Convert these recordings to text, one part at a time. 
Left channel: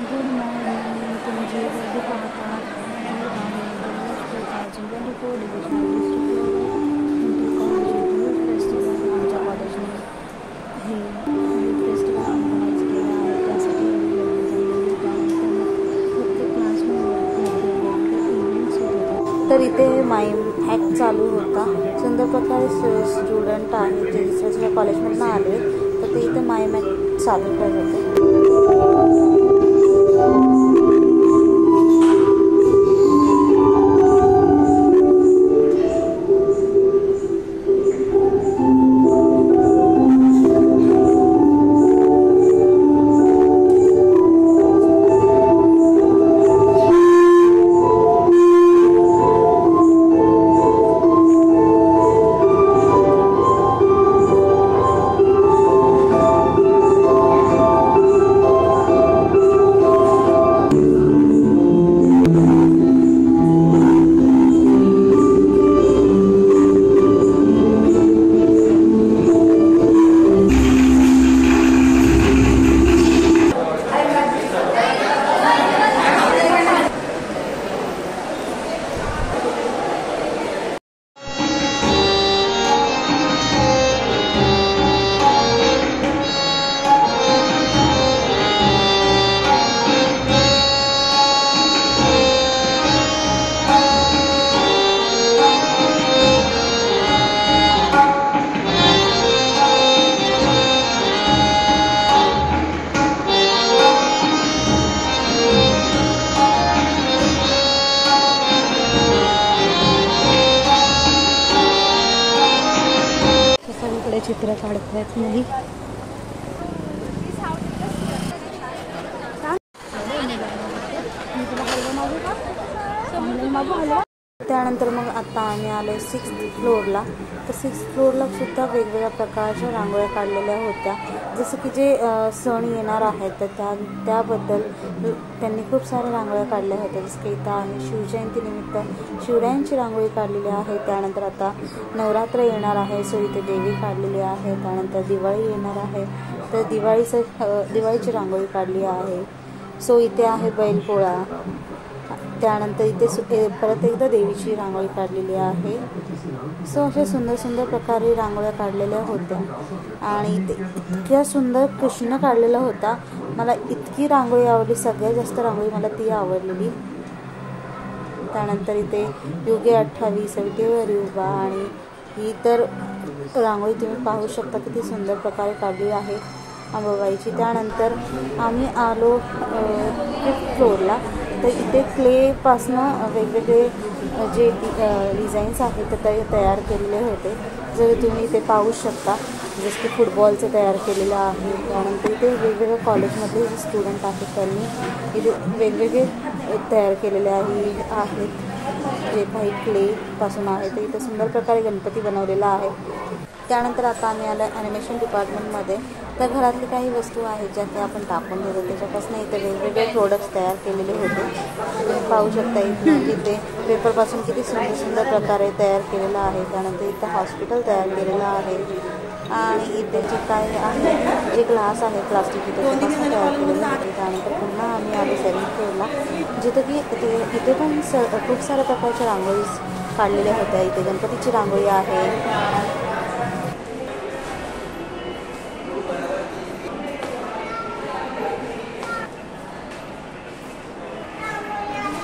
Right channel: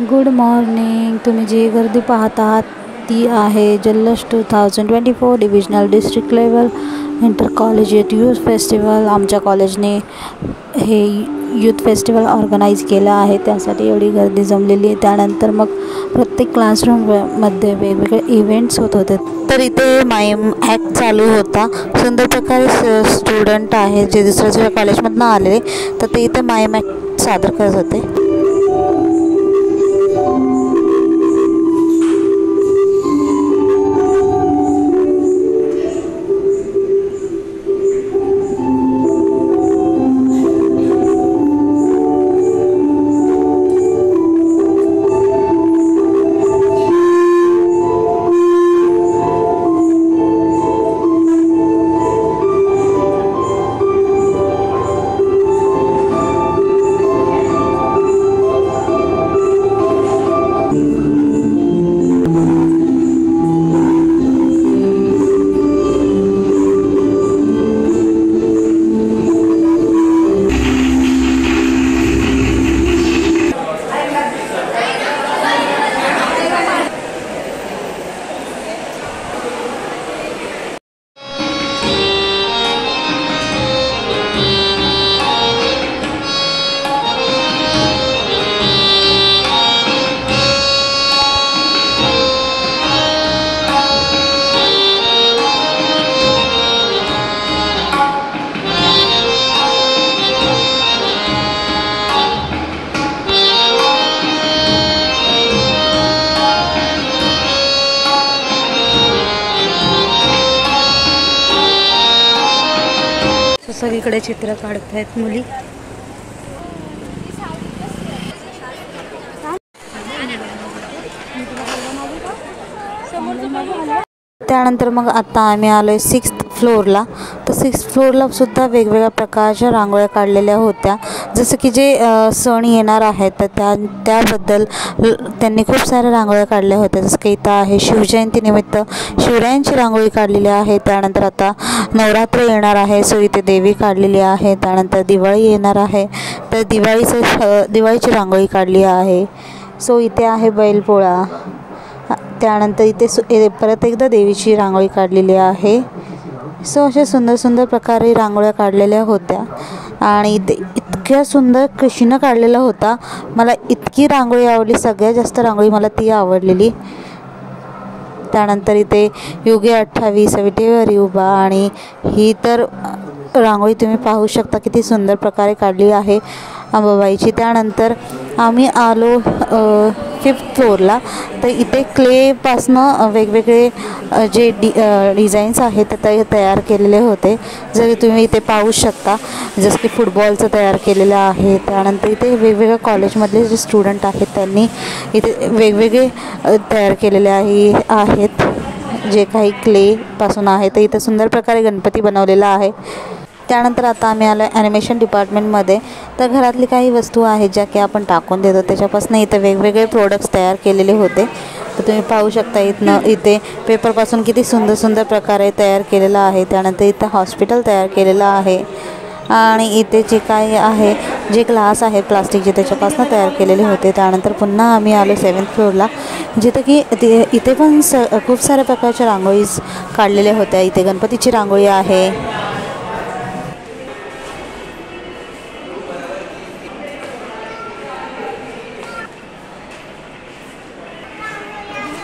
Good morning. तुम्ही जी गर्दी पाहतात ती आहे जल्लोष 2024 divisional district level inter collegiate youth festival. आमच्या कॉलेजने हे यूथ फेस्टिवल ऑर्गनाईज केलं आहे, त्यासाठी एवढी गर्दी जमलेली आहे. त्यानंतर मग प्रत्येक क्लासरूममध्ये वेगवेगळे इव्हेंट्स होत होते. तर इथे माईम ॲक्ट चालू होता. सुंदर प्रकारे स्टुडंट आहे जे दुसऱ्या कॉलेजमधून आले, तर ते इथे माईम ॲक्ट सादर करत होते. सगळीकडे चित्र काढत आहेत मुली. त्यानंतर मग आता आम्ही आलो आहे 6th फ्लोअरला. तर 6th फ्लोअरला सुद्धा वेगवेगळ्या प्रकारच्या रांगोळ्या काढलेल्या होत्या. जसं की जे सण येणार आहेत तर त्याबद्दल त्यांनी खूप साऱ्या रांगोळ्या काढल्या होत्या. जसं की इथं आहे शिवजयंतीनिमित्त शिवरायांची रांगोळी काढलेली आहे. त्यानंतर आता नवरात्र येणार आहे, सो इथे देवी काढलेली आहे. त्यानंतर दिवाळी येणार आहे, तर दिवाळीची रांगोळी काढली आहे. सो इथे आहे बैलपोळा. त्यानंतर इथे परत एकदा देवीची रांगोळी काढलेली आहे. सो अशा सुंदर सुंदर प्रकारे रांगोळ्या काढलेल्या होत्या. आणि इथे इतक्या सुंदर कृष्ण काढलेला होता. मला इतकी रांगोळी आवडली, सगळ्यात जास्त रांगोळी मला ती आवडलेली. त्यानंतर इथे युगे 28 विटेवर उभा, आणि ही तर रांगोळी तुम्ही पाहू शकता किती सुंदर प्रकारे काढली आहे अंबाबाईची. त्यानंतर आम्ही आलो 5th फ्लोअरला. तर इथे क्लेपासनं वेगवेगळे जे डिझाईन्स आहेत ते तयार केलेले होते, जर तुम्ही इथे पाहू शकता. जसं की फुटबॉलचं तयार केलेलं आहे. त्यानंतर इथे वेगवेगळ्या कॉलेजमधले जे स्टुडंट आहेत त्यांनी इथे वेगवेगळे तयार केलेले आहेत जे काही क्लेपासून आहे. तर इथे सुंदर प्रकारे गणपती बनवलेला आहे. त्यानंतर आता आम्ही आलो ॲनिमेशन डिपार्टमेंटमध्ये. तर घरातली काही वस्तू आहेत ज्या की आपण टाकून देतो, त्याच्यापासून इथे वेगवेगळे प्रोडक्ट्स तयार केलेले होते. तर तुम्ही पाहू शकता इथे पेपरपासून किती सुंदर सुंदर प्रकारे तयार केलेलं आहे. त्यानंतर इथं हॉस्पिटल तयार केलेलं आहे. आणि इथे जे काही आहे जे ग्लास आहेत प्लास्टिकचे त्याच्यापासून तयार केलेले होते. त्यानंतर पुन्हा आम्ही आलो 7th फ्लोअरला, जिथे की इथे पण खूप साऱ्या प्रकारच्या रांगोळीज काढलेल्या होत्या. इथे गणपतीची रांगोळी आहे.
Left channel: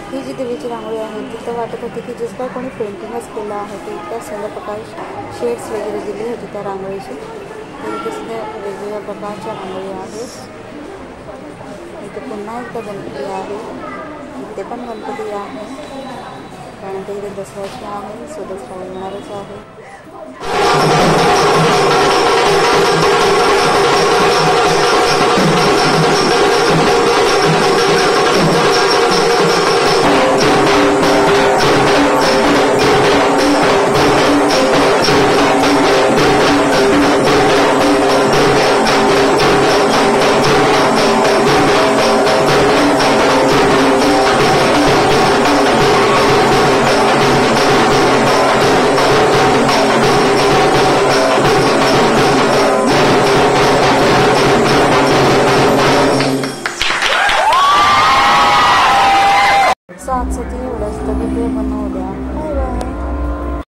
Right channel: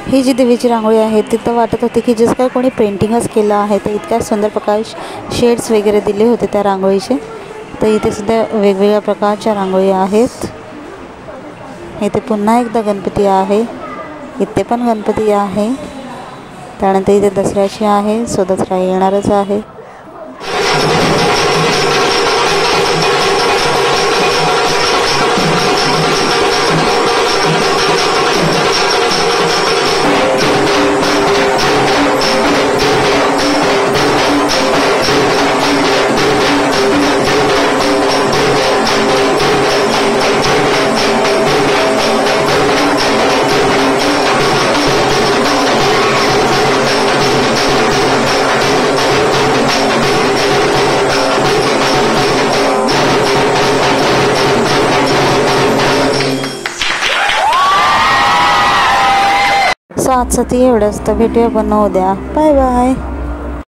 ही जी देवीची रांगोळी आहे तिथं वाटत होते की जसं काय कोणी पेंटिंगच केलं आहे. तर इतक्या सुंदर प्रकारे शेड्स वगैरे दिले होते त्या रांगोळीचे. तर इथे सुद्धा वेगवेगळ्या प्रकारच्या रांगोळी आहेत. इथे पुन्हा एकदा गणपती आहे, इथे पण गणपती आहे. त्यानंतर इथे दसऱ्याची आहे, सो दसरा येणारच आहे. सो आजसाठी एवढंच, तर भेटूया पुन्हा उद्या. Bye bye.